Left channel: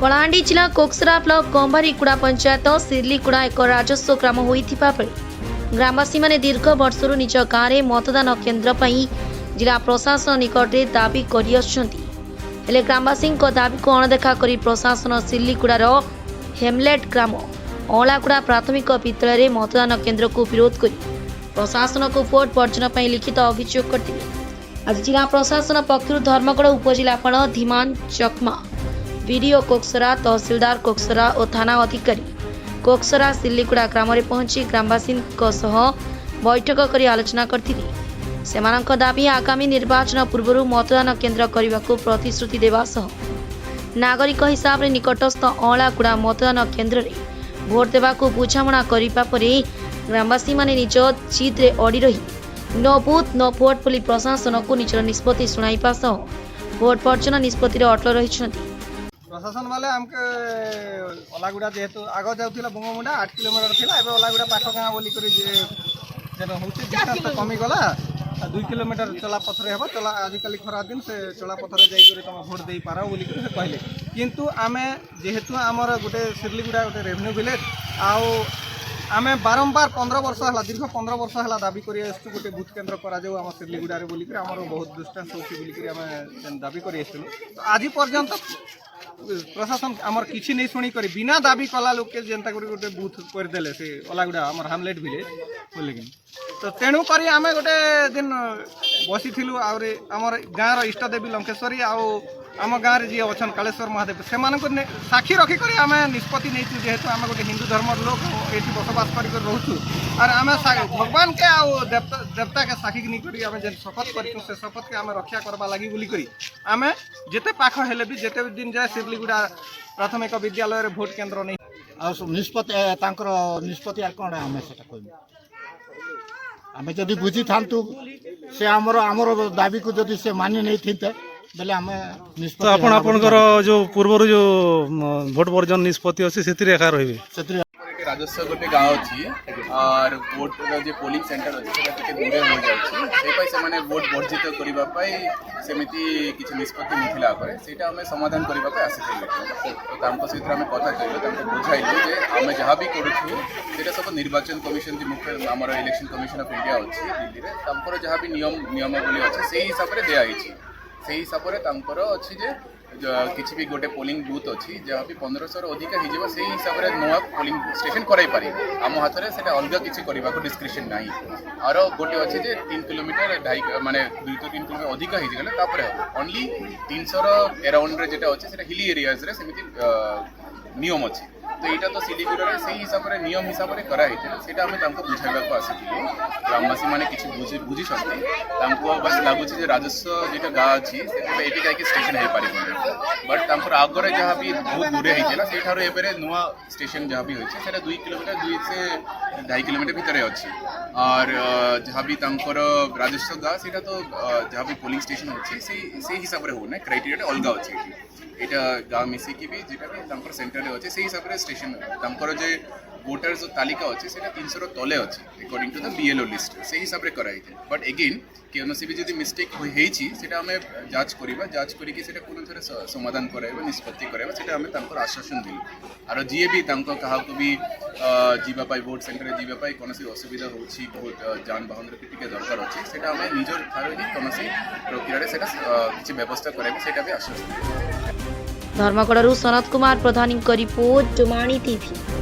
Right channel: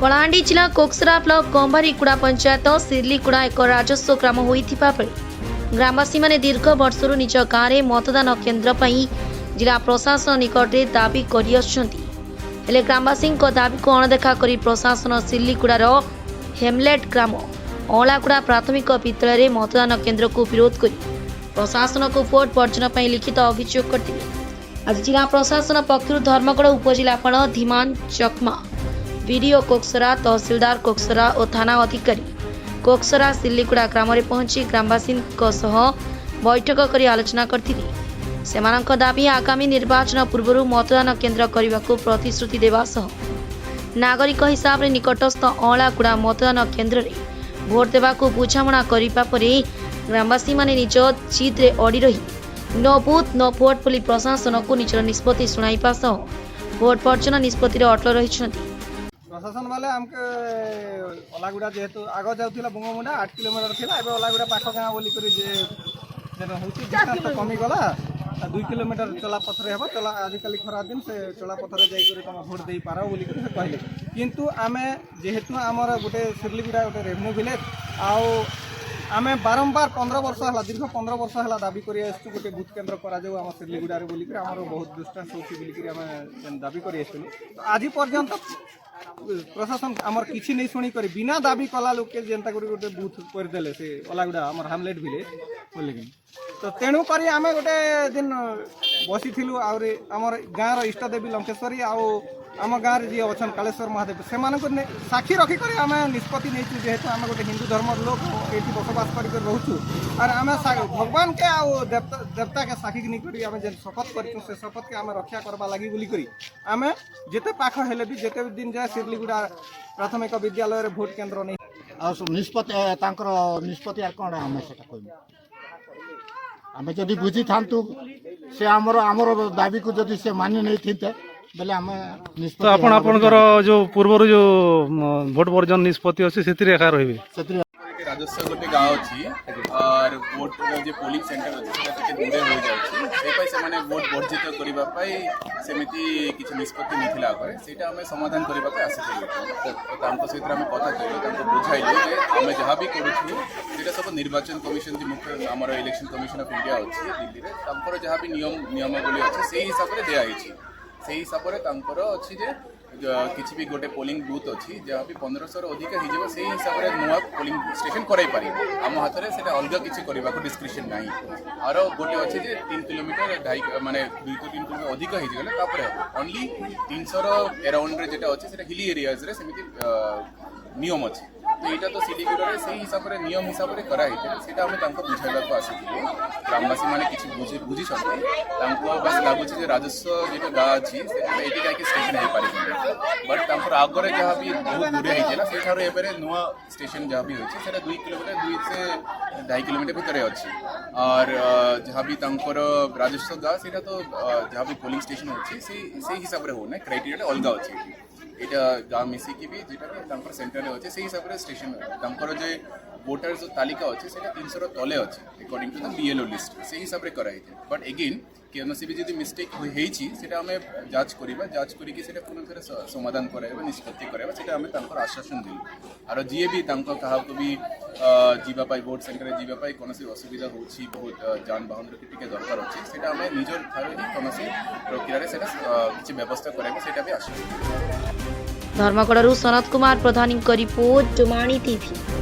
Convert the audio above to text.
कलाहांडी जिला कोकसरा ब्लॉक गंभारीकुड़ा पंचायत सिरलीकुड़ा एक राजस्व ग्राम होइथिबा बेले ग्रामवासी माने दीर्घ वर्षरु निज गाँव में मतदान केन्द्र पई जिला प्रशासन निकट में दाबी करि आछंती। हेले ग्रामवासी दाबी को अणदेखा करी प्रशासन सिरलीकुड़ार हेमलेट ग्राम अलागुड़ा प्राथमिक विद्यालय में मतदान केन्द्र को विरोध कर प्रशासन को भोट वर्जन पर लिखित अभियोग करते। आज जिला प्रशासन पक्षर धर्मगढ़ उपजिलापाल धीमान चकमा वीडियो कोकसरा तहसीलदार कोकसरा और थाना अधिकारी कोकसरा सिरलीकुड़ा ग्राम में पहुंची ग्रामवासी बैठक कर आलोचना करथिले। सेमानक दाबी आगामी निर्वाचन पूर्व मतदान केन्द्र करने को प्रतिश्रुति देवा सह नागरिक हिसाब से निकटस्थ अलागुड़ा मतदान केन्द्र में भोट देवा को बुझामणा करने पर ग्रामवासी माने निज जिद रे अड़ी रही नो बूथ नो भोट बोली प्रशासन को निजर निष्पत्ति शुणाइबा सह भोट वर्जन निष्पत्ति अटल रही। प्रशासन वाले हमके ओलागुड़ा जेतु आगो जाउथिला बंगमुना 8 किलोमीटर के एबे ओलागुड़ा पाखा गांव बोली करी जे 4 किलोमीटर 2 किलोमीटर चला पथरे हो चला आजकल खरा दिन से चला पथरे भोट देई पारा बोली किंतु आमे जेहेतु हमर गोटे सिरलीगुड़ा गोटे रेवेन्यू विलेज आउ आमे बारंबार 15 वर्ष हला दीर्घ 15 वर्ष हला दाबी करी आछु गोटे बूथ केन्द्र करा जाऊ हम सिरलीगुड़ा रे बोली हम बहुत डिस्टेंस होची बोली करी हम दाबी करी आछु आज पर्यंत प्रशासन हमर किछि नहीं शुणी करी बिना दाबी कला लोक के जनता करी गोटे बूथ कर देले से ओलागुड़ा हमर हैमलेट विलेज बोली तो तेणु करी आमे गोटे दिन बसिथिलु आउरे हमर गाँव रो इष्ट देवी लंकेश्वरी आउ आम गाँव में जी अच्छा कालेश्वर महादेव से साक्षी रखी आम निष्पत्ति नहीं जेहेतु आम गोटे हिंदू धर्म लोग ये बसवास कर रोचु और आम भगवान के देवता के साक्षी नहीं करी आम शपथ कर शपथ के आम रक्षा करवा लगी बोली आम जिते पाख हेले भी जिते दिन जाए सिरलीगुड़ा प्राथमिक विद्यालय भोट केन्द्र नहीं निष्पत्ति आम जदि बुझी था से आमर दाबी को जदि से मानी नहीं थी बेले आम जो पूर्व जो भोट वर्जन निष्पत्ति अच्छे से रही राजस्व गोटे गाँव अच्छी और भोट जो पोलिंग सेंटर अच्छे दूर हो जाए भोट वर्जित करने सेमती किसी निष्पत्ति नहीं से समाधान करने सहित आम कथा बुझाई आम जहाँ भी करूँ सब निर्वाचन कमिशन जो मुख्य आम इलेक्शन कमिशन ऑफ इंडिया अच्छी दिल्ली में जहाँ भी नियमावली अच्छे से हिसाब से दिखाई से हिसाब से अच्छी जे किसी भी गोटे पोलिंग बूथ अच्छी जहाँ भी 1500 अधिक हो से हिसाब से नुआ पोलिंग स्टेशन कराई पारे आम हाथ में से अलग किसी करने को डिस्क्रिप्शन ना और गोटे अच्छे जे 3 किलोमीटर 2.5 माने 2 to 3 किलोमीटर अधिक होगले ओनली 300 एराउंड जो अच्छे से हिली एरियाज सेमती नियम अच्छे तो यहाँ तो सिरलीगुड़ा से हिसाब से नियम हिसाब से कराई बुझाइबा को आसी ग्रामवासी मैंने किसी बुझी बस लगुच राजस्व जो गाँ अच्छी ये स्टेशन हो पारे बट आगे जहाँ भी बहुत दूर होता से नुआ स्टेशन जहाँ भी अच्छे 2 किलोमीटर 2 से 2.5 किलोमीटर भितर अच्छी और जहाँ भी राजस्व गाँ से तो जहाँ भी पोलिंग स्टेशन अच्छे से हिसाब से होने क्राइटेरिया अलग अच्छे यहाँ गाँव मिसिकी भी जो सेंटर अच्छे से हिसाब से स्टेशन जो वोटर जो तालिका अच्छे से 300 तले अच्छे according to the BLO list से हिसाब से कराई बट एगेन कौन भी जो मिस्टेक होती जांच करवा जांच करके पुणी थे समाधान कराइबा निष्पत्ति कराइबा से आम आश्वासन देलु और जी भी क्या भी जावाई भोट सेंटर जावाई कौन असुविधा हो जानबाहन टी दरकार अच्छे से आम निजर कौन प्रक्रिया किसी व्यवस्था कराइबा भी आश्वासन। धर्मगढ़ सनत कुमार प्रधान रिपोर्ट डुमाणी टीवी।